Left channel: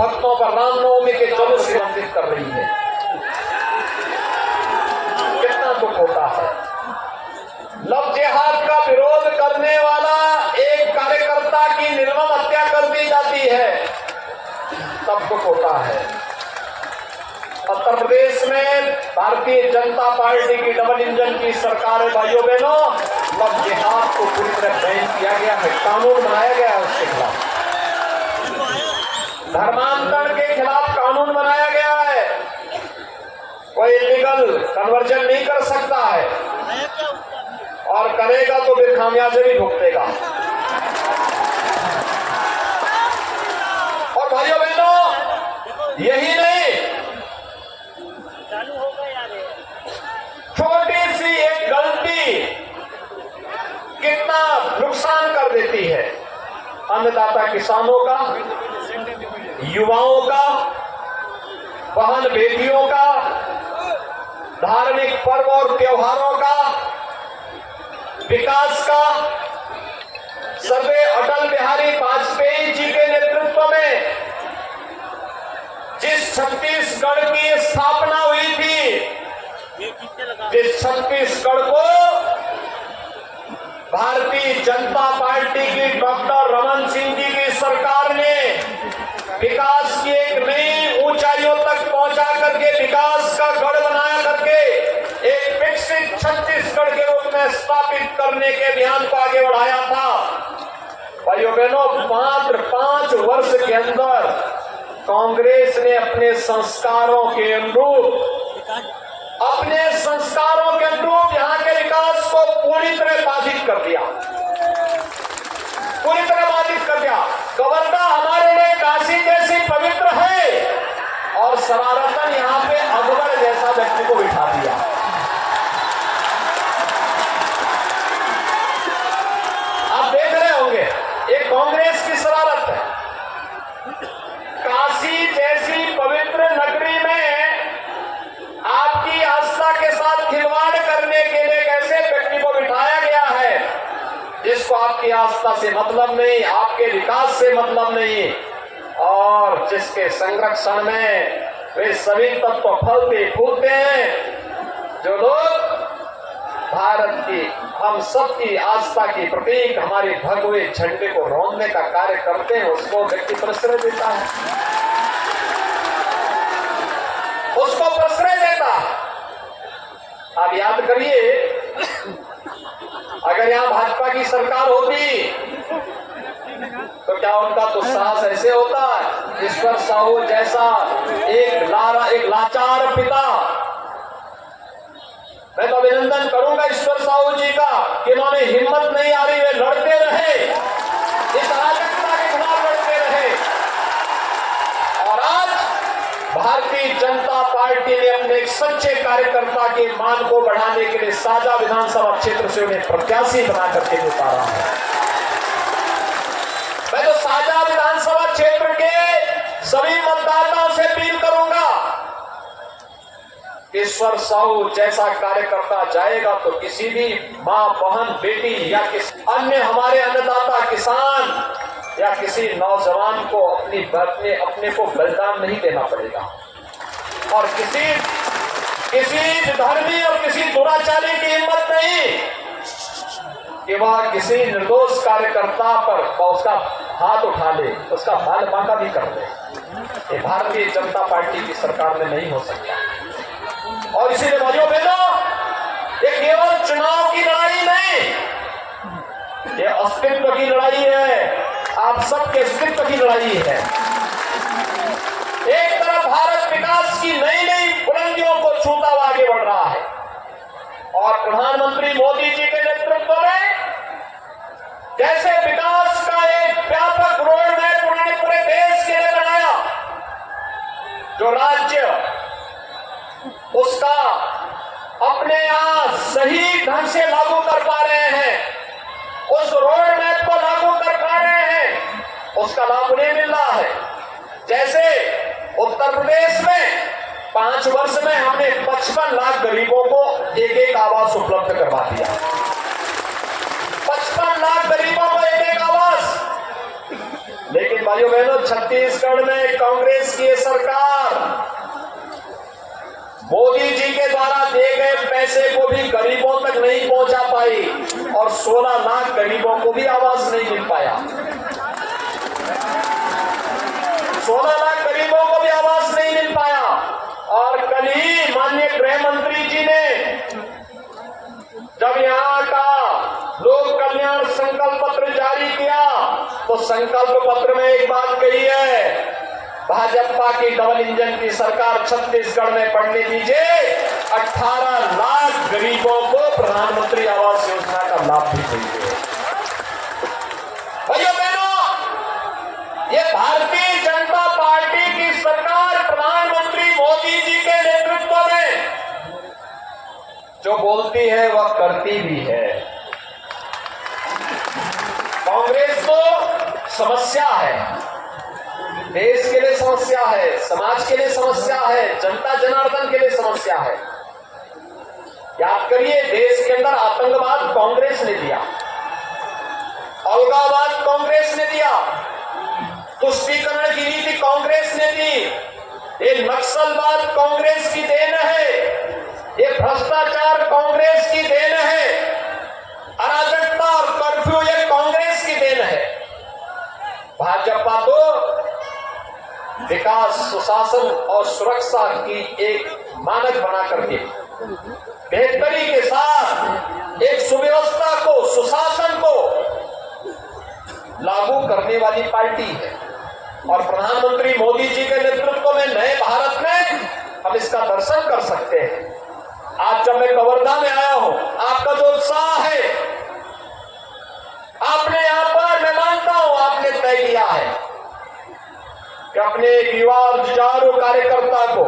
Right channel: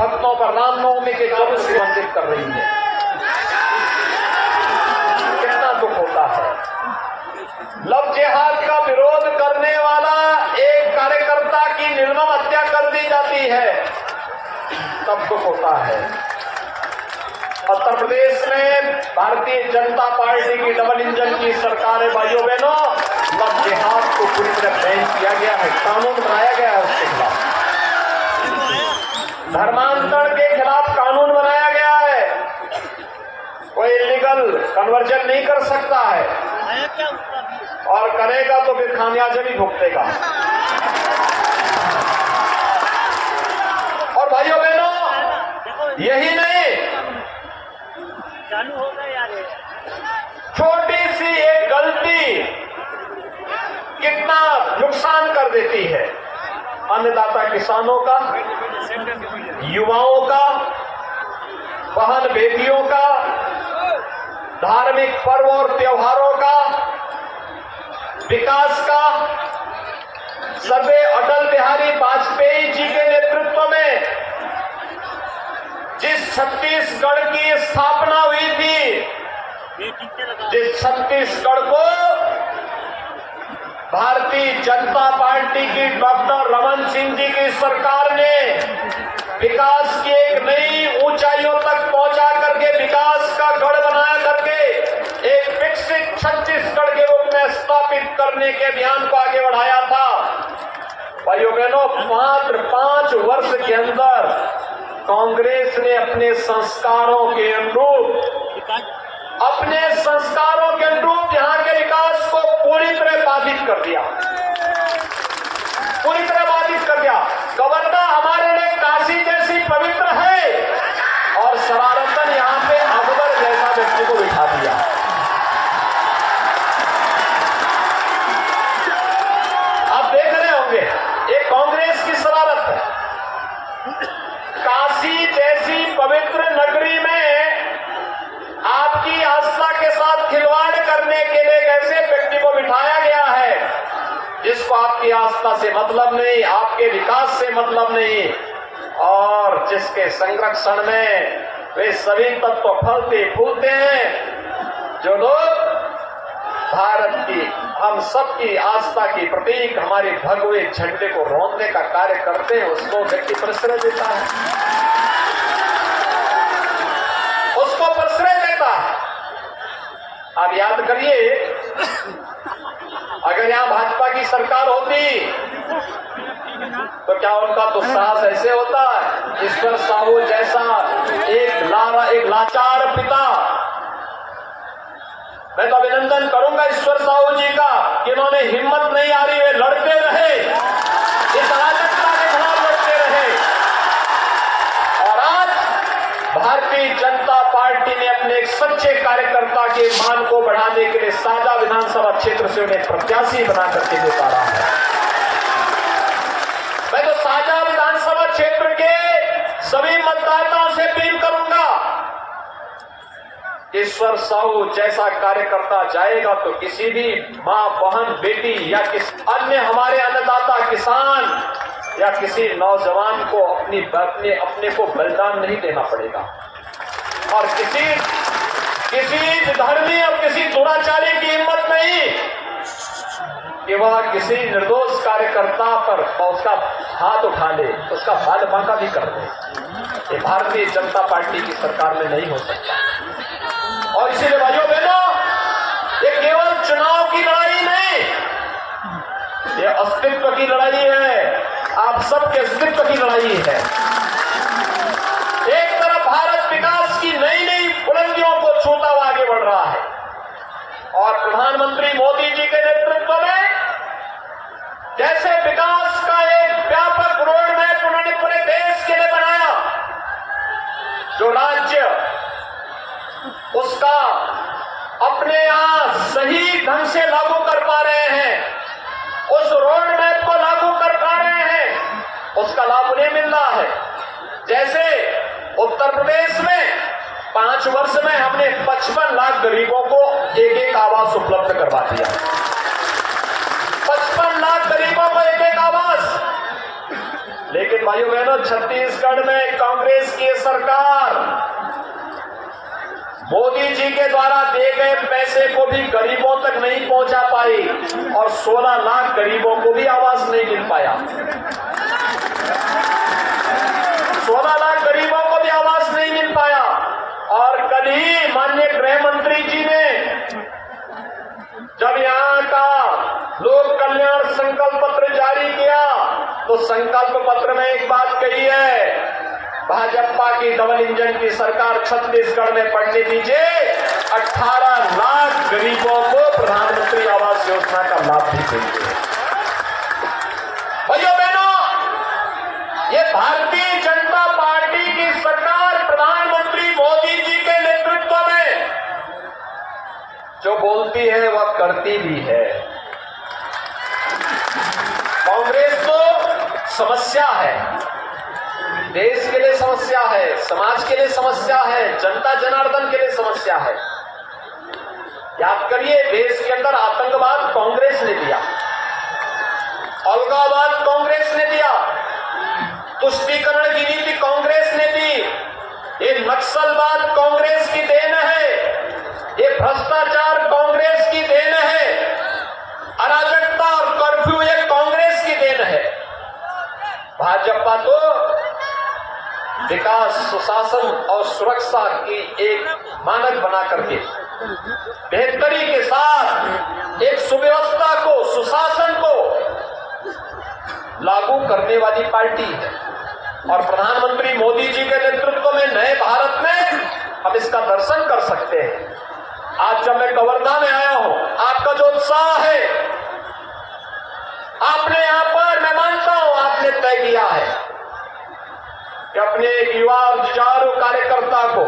भक्तों पर रामनवमी के जुलूस से वंचित कर रही है। कितना दुख होता है। लव जिहाद का विरोध करने वाला एक कार्यकर्ता की निर्मम हत्या कर दी जाती है, तब दुख होता है। उत्तर प्रदेश में भारतीय जनता पार्टी की डबल इंजन की सरकार है। भाइयों बहनों, लव जिहाद को पूरी तरह बैन किया गया है, कानून बनाया गया है उसके खिलाफ। धर्मांतरण के खिलाफ कानून बनाया गया है। कोई इलीगल कन्वर्जन नहीं कर सकता है, और करेगा तो फिर खामियाजे भी भुगतेगा। और भाइयों बहनों, यही नहीं, छोटी सी एक गलती कितना नुकसान कर देती है अन्नदाता किसानों का, युवाओं का, बहन बेटियों का, धार्मिक पर्व और त्योहारों का, विकास का। सर्वे अटल बिहारी वाजपेयी जी के नेतृत्व में जिस छत्तीसगढ़ की स्थापना हुई थी, जिस छत्तीसगढ़ को भारतीय जनता पार्टी की डॉक्टर रमन सिंह जी की सरकार ने विकास की एक नई ऊंचाइयों तक पहुंचा करके, विकास का गढ़ बनाया करके एक विकसित छत्तीसगढ़ के रूप में स्थापित करने के अभियान को आगे बढ़ाया था। भाइयों बहनों, मात्र 5 वर्ष के अंदर कांग्रेस ने अपने संस्कारों के अनुरूप यहाँ के विकास को पूरी तरह बाधित कर दिया, पूरी तरह बाधित कर दिया। कवर्धा हमारे लिए काशी जैसी पवित्र है, और शरारतन यहाँ पे अकबर जैसा व्यक्ति को बिठा दिया। आप देख रहे होंगे, ये कांग्रेस की शरारत है। काशी जैसी पवित्र नगरी में आपकी आस्था के साथ खिलवाड़ करने के लिए एक ऐसे व्यक्ति को बिठाया गया है जिसको आपकी आस्था से मतलब नहीं, आपके विकास से मतलब नहीं, और जिसके संरक्षण में वे सभी तत्व फलते फूलते हैं जो लोग भारत की, हम सबकी आस्था की प्रतीक हमारे भगवे झंडे को रोंदने का कार्य करते हैं, उसको व्यक्ति प्रश्रय देता है, उसको प्रश्रय देता है। आप याद करिए, अगर यहां भाजपा की सरकार होती तो क्या उनका तो साहस ऐसे होता? ईश्वर साहू जैसा एक लाचार पिता, मैं तो अभिनंदन करूंगा ईश्वर साहू जी का कि उन्होंने हिम्मत नहीं आ रही, वे लड़ते रहे, इस अराजकता के खिलाफ लड़ते रहे। और आज भारतीय जनता पार्टी ने अपने एक सच्चे कार्यकर्ता के मान को बढ़ाने के लिए साझा विधानसभा क्षेत्र से उन्हें प्रत्याशी बना करके उतारा है। मैं तो साझा विधानसभा क्षेत्र के सभी मतदाताओं से अपील करूंगा, ईश्वर साहू जैसा कार्यकर्ता जाएगा तो किसी भी मां, बहन, बेटी या किसी अन्य हमारे अन्नदाता किसान या किसी नौजवान को अपने को बलिदान नहीं देना पड़ेगा, और किसी धर्मी और किसी दुराचारी की हिम्मत नहीं कि वह किसी निर्दोष कार्यकर्ता पर उसका हाथ उठा ले, उसका बाल बांका भी कर दे। ये भारतीय जनता पार्टी की सरकार में नहीं हो सकता। और इसीलिए भाइयों बहनों, ये केवल चुनाव की लड़ाई नहीं, ये अस्तित्व की लड़ाई है, आप सबके अस्तित्व की लड़ाई है। एक तरफ भारत विकास की नई नई बुलंदियों को छूता हुआ आगे बढ़ रहा है, और प्रधानमंत्री मोदी जी के नेतृत्व में जैसे विकास का एक व्यापक रोड मैप उन्होंने पूरे देश के लिए बनाया, जो राज्य उसका अपने यहां सही ढंग से लागू कर पा रहे हैं, उस रोड मैप को लागू कर पा रहे हैं, उसका लाभ उन्हें मिल रहा है। जैसे उत्तर प्रदेश में 5 वर्ष में हमने 55 लाख गरीबों को एक आवास उपलब्ध करवा दिया। 55 लाख गरीबों को एक आवास। लेकिन भाइयों बहनों, छत्तीसगढ़ में कांग्रेस कांग्रेस की सरकार मोदी जी के द्वारा दिए गए पैसे को भी गरीबों तक नहीं पहुंचा पाई और 16 लाख गरीबों को भी आवास नहीं मिल पाया। 16 लाख गरीबों को भी आवास नहीं मिल पाया। और कल ही माननीय गृह मंत्री जी ने जब यहाँ का लोक कल्याण संकल्प पत्र जारी किया तो संकल्प पत्र में एक बात कही है, भाजपा की डबल इंजन की सरकार छत्तीसगढ़ में पड़ने दीजिए, 18 लाख गरीबों को प्रधानमंत्री आवास योजना का लाभ भी देंगे। भाइयों बहनों, ये भारतीय जनता पार्टी की सरकार प्रधानमंत्री मोदी जी के नेतृत्व में जो बोलती है वह करती भी है। कांग्रेस तो समस्या है, देश के लिए समस्या है, समाज के लिए समस्या है, जनता जनार्दन के लिए समस्या है। याद करिए, देश के अंदर आतंकवाद कांग्रेस ने दिया, अलगाववाद कांग्रेस ने दिया, तुष्टीकरण की नीति कांग्रेस ने दी, ये नक्सलवाद कांग्रेस की देन है, ये भ्रष्टाचार कांग्रेस की देन है, अराजकता और कर्फ्यू ये कांग्रेस की देन है। भाजपा तो विकास, सुशासन और सुरक्षा की एक मानक बना करके बेहतरी के साथ एक सुव्यवस्था को, सुशासन को लागू करने वाली पार्टी है। और प्रधानमंत्री मोदी जी के नेतृत्व में नए भारत में हम इसका दर्शन कर सकते हैं। आज जब मैं कवर्धा में आया हूं, आपका जो उत्साह है, आपने यहां पर, मैं मानता हूं, आपने तय किया है कि अपने एक युवा और जुझारू कार्यकर्ता को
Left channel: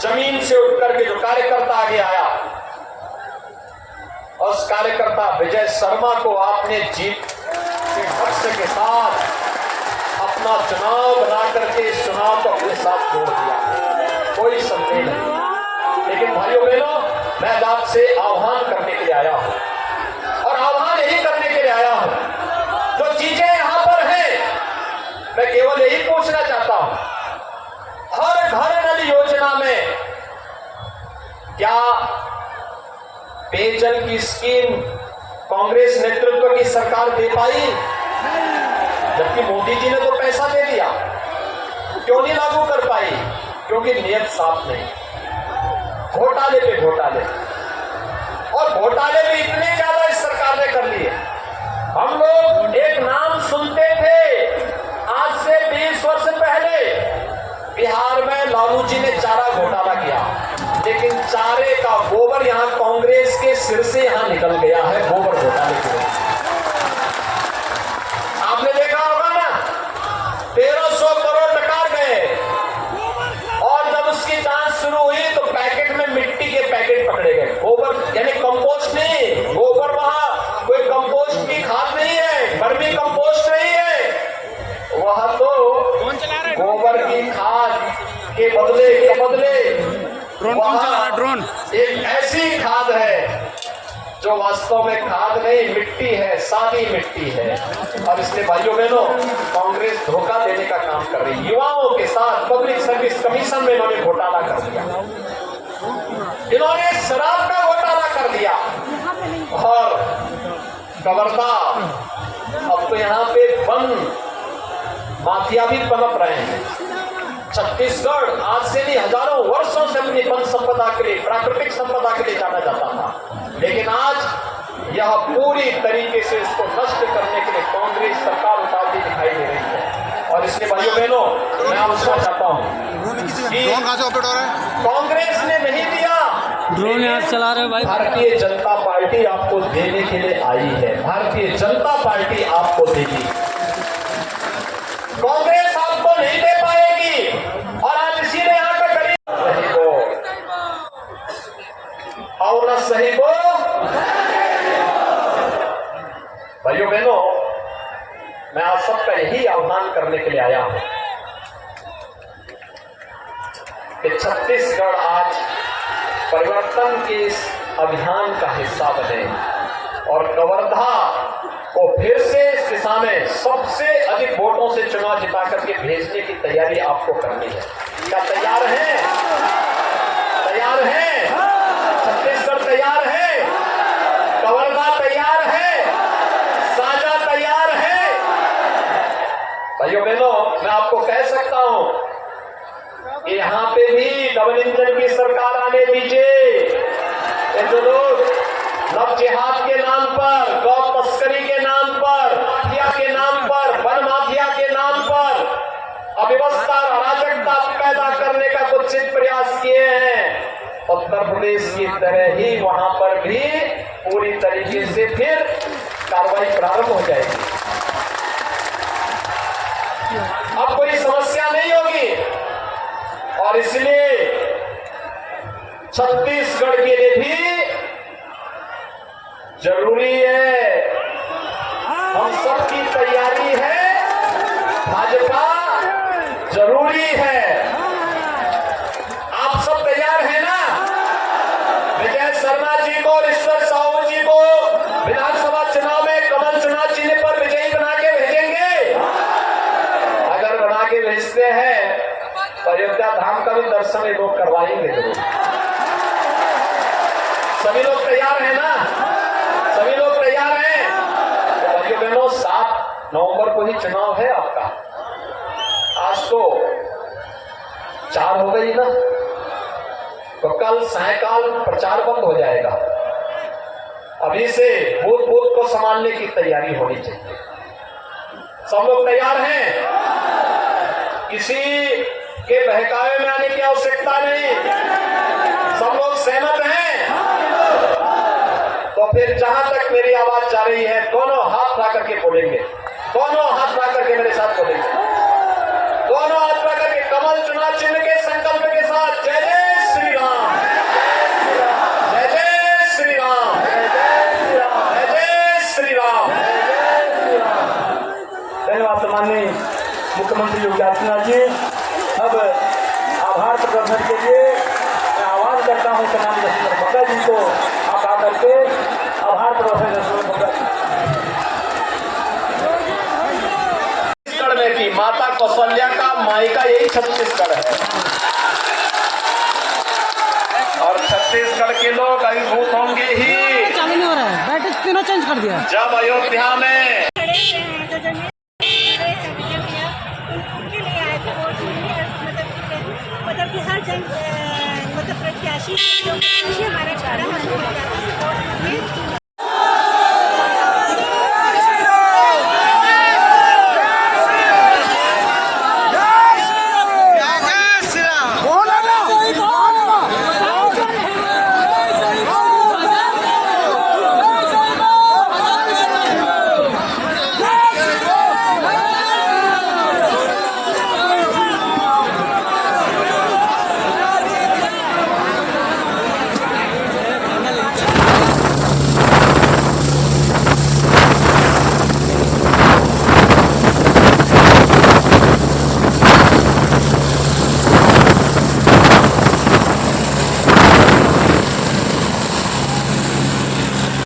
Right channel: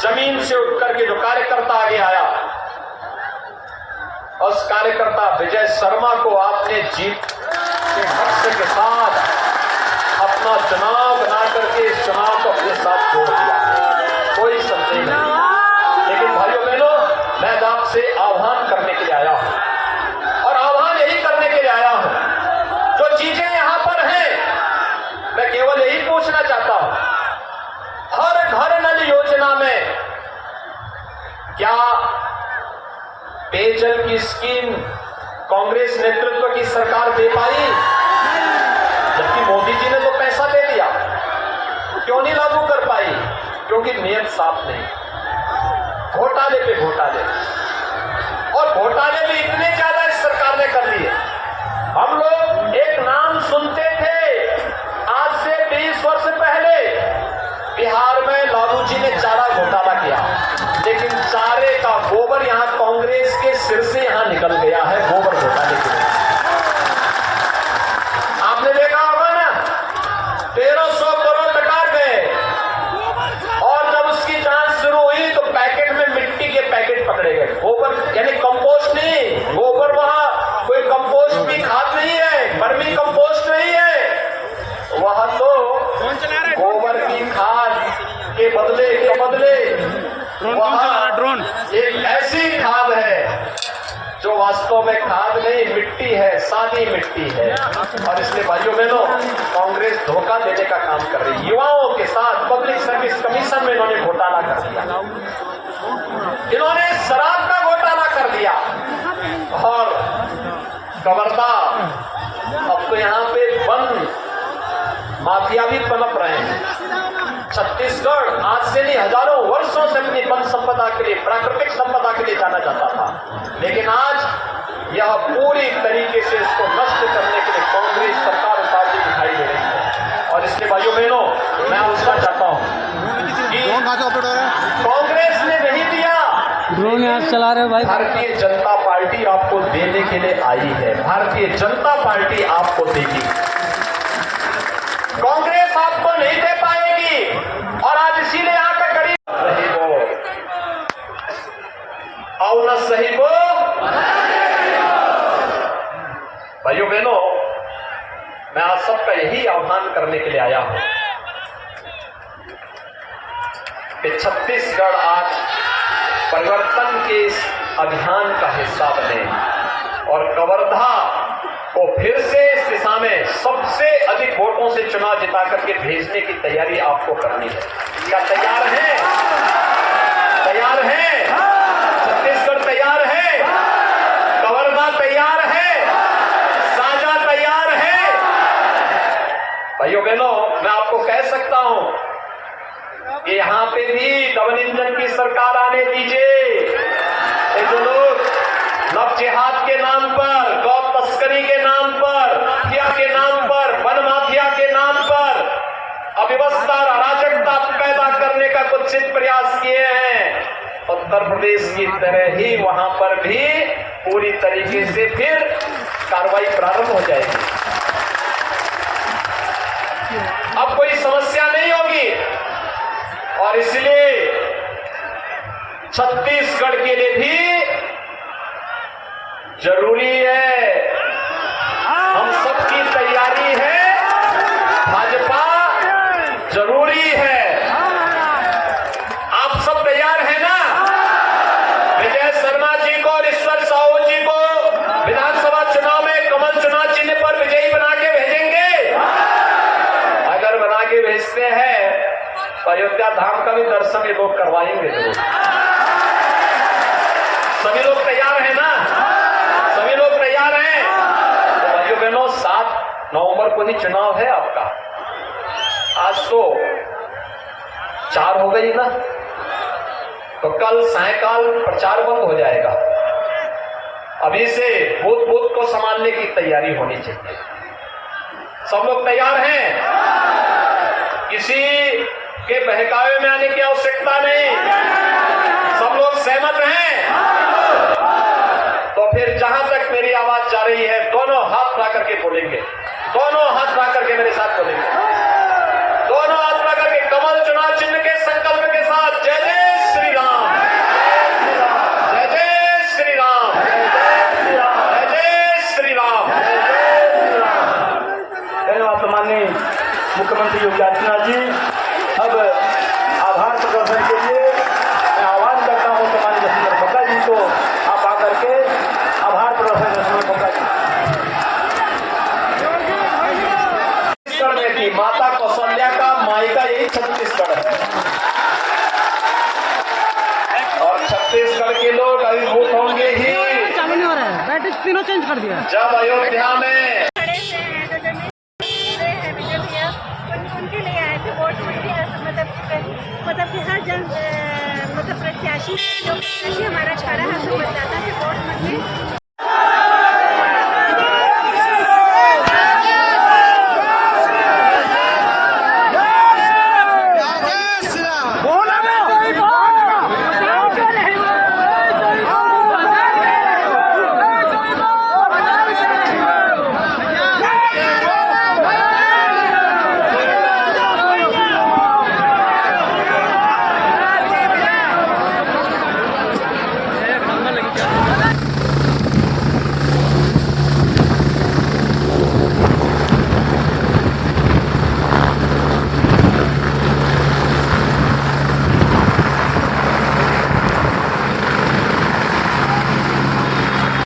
जमीन से उठ करके जो कार्यकर्ता आगे आया, उस कार्यकर्ता विजय शर्मा को आपने जीत के हर्ष के साथ अपना चुनाव बना करके इस चुनाव को अपने साथ जोड़ दिया, कोई संदेह नहीं। लेकिन भाइयों बहनों, मैं आपसे आह्वान करने के लिए आया हूं और आह्वान यही करने के लिए आया हूं, जो चीजें यहां पर हैं मैं केवल यही पूछना चाहता हूं, हर घर नल योजना में क्या पेयजल की स्कीम कांग्रेस नेतृत्व की सरकार दे पाई? जबकि मोदी जी ने तो पैसा दे दिया, क्यों नहीं लागू कर पाई? क्योंकि नियत साफ नहीं, घोटाले पे घोटाले, और घोटाले भी इतने ज्यादा इस सरकार ने कर लिए। हम लोग एक नाम सुनते थे, आज से 20 वर्ष पहले बिहार में लालू जी ने चारा घोटाला किया, लेकिन चारे का गोबर यहां कांग्रेस के सिर से यहां निकल गया है गोबर घोटाले के वजह से। आपने देखा होगा ना, 1300 करोड़ लटार गए, और जब उसकी जांच शुरू हुई तो पैकेट में मिट्टी के पैकेट पकड़े गए। गोबर यानी कंपोस्ट नहीं, गोबर वहां कोई कंपोस्ट की खाद नहीं है, वर्मी कंपोस्ट नहीं है, वहां तो गोबर की खाद के बदले वहां एक ऐसी खाद है जो वास्तव में खाद नहीं, मिट्टी है, सादी मिट्टी है। और इसलिए भाइयों बहनों, कांग्रेस धोखा देने का काम कर रही है। युवाओं के साथ पब्लिक सर्विस कमीशन में इन्होंने घोटाला कर दिया, इन्होंने शराब का घोटाला कर दिया, और कवर्धा, अब तो यहाँ पे वन माफिया भी पनप रहे हैं। छत्तीसगढ़ आज से नहीं, हजारों वर्षों से अपनी वन संपदा के लिए, प्राकृतिक संपदा के लिए जाना जाता था, लेकिन आज यह पूरी तरीके से इसको नष्ट करने के लिए कांग्रेस सरकार उतारती दिखाई दे रही है। और इसके भाइयों बहनों, मैं पूछना चाहता हूँ कि कांग्रेस ने नहीं दिया, ड्रोन यहाँ चला रहे भाई। भारतीय जनता पार्टी आपको देने के लिए आई है, भारतीय जनता पार्टी आपको देगी, कांग्रेस आपको नहीं दे पाएगी। और आज इसीलिए यहाँ पे करीब सही हो और न सही हो। भाइयों बहनों, मैं आप सबका यही आह्वान करने के लिए आया हूं कि छत्तीसगढ़ आज परिवर्तन के इस अभियान का हिस्सा बने और कवर्धा को फिर से इस दिशा में सबसे अधिक वोटों से चुना जिता करके भेजने की तैयारी आपको करनी है। क्या तैयार हैं? तैयार हैं? छत्तीसगढ़ तैयार है? कवर्धा तैयार है? साझा तैयार है? भाइयों बहनों, मैं आपको कह सकता हूं कि यहां पे भी डबल इंजन की सरकार आने दीजिए। ये जो लोग नव जिहाद के नाम पर, गौ तस्करी के नाम पर, हत्या के नाम पर, वन माफिया के नाम पर अव्यवस्था और अराजकता पैदा करने का कुत्सित प्रयास किए हैं, उत्तर प्रदेश की तरह ही वहां पर भी पूरी तरीके से फिर कार्रवाई प्रारंभ हो जाएगी। अब कोई समस्या नहीं होगी और इसलिए छत्तीसगढ़ के लिए भी जरूरी है, हम सबकी तैयारी है, भाजपा जरूरी है। आप सब तैयार हैं ना? विजय शर्मा जी को और ईश्वर साहू जी को विधानसभा चुनाव में कमल चुनाव चिन्ह पर विजयी बना के भेजेंगे? अगर बना के भेजते हैं तो अयोध्या धाम का भी दर्शन ये लोग करवाएंगे जरूर। सभी लोग तैयार हैं ना? सभी लोग तैयार हैं? तो भाइयों बहनों, 7 नवंबर को ही चुनाव है आपका। आज तो 4 हो गई ना, तो कल सायकाल प्रचार बंद हो जाएगा। अभी से बूथ बूथ को संभालने की तैयारी होनी चाहिए। सब लोग तैयार हैं? किसी के बहकावे में आने की आवश्यकता नहीं। सब लोग सहमत हैं? तो फिर जहां तक मेरी आवाज जा रही है, दोनों हाथ उठा करके बोलेंगे, दोनों हाथ उठा करके मेरे साथ बोलेंगे, दोनों हाथ उठा करके कमल चुनाव चिन्ह के संकल्प के साथ जय जय श्री राम, जय जय श्री राम, जय जय श्री राम। धन्यवाद माननीय मुख्यमंत्री योगी आदित्यनाथ जी। अब आभार प्रदर्शन के लिए मैं आह्वान करता हूं माननीय वसुंधरा बग्गा जी को, आप आकर के आभार प्रदर्शन बग्गा जी। छत्तीसगढ़ में की माता कौशल्या का मायका यही छत्तीसगढ़ है और छत्तीसगढ़ के लोग अभिभूत होंगे ही चालू नहीं हो रहा है, बैटरी तीनों चेंज कर दिया। जब अयोध्या में खड़े हुए हैं जो जमीन विजय भैया उनके लिए आए थे वोट मांगने। मतलब कि हर जन मतलब प्रत्याशी जो प्रत्याशी हमारा खड़ा है उसको मतदाता से वोट मांगे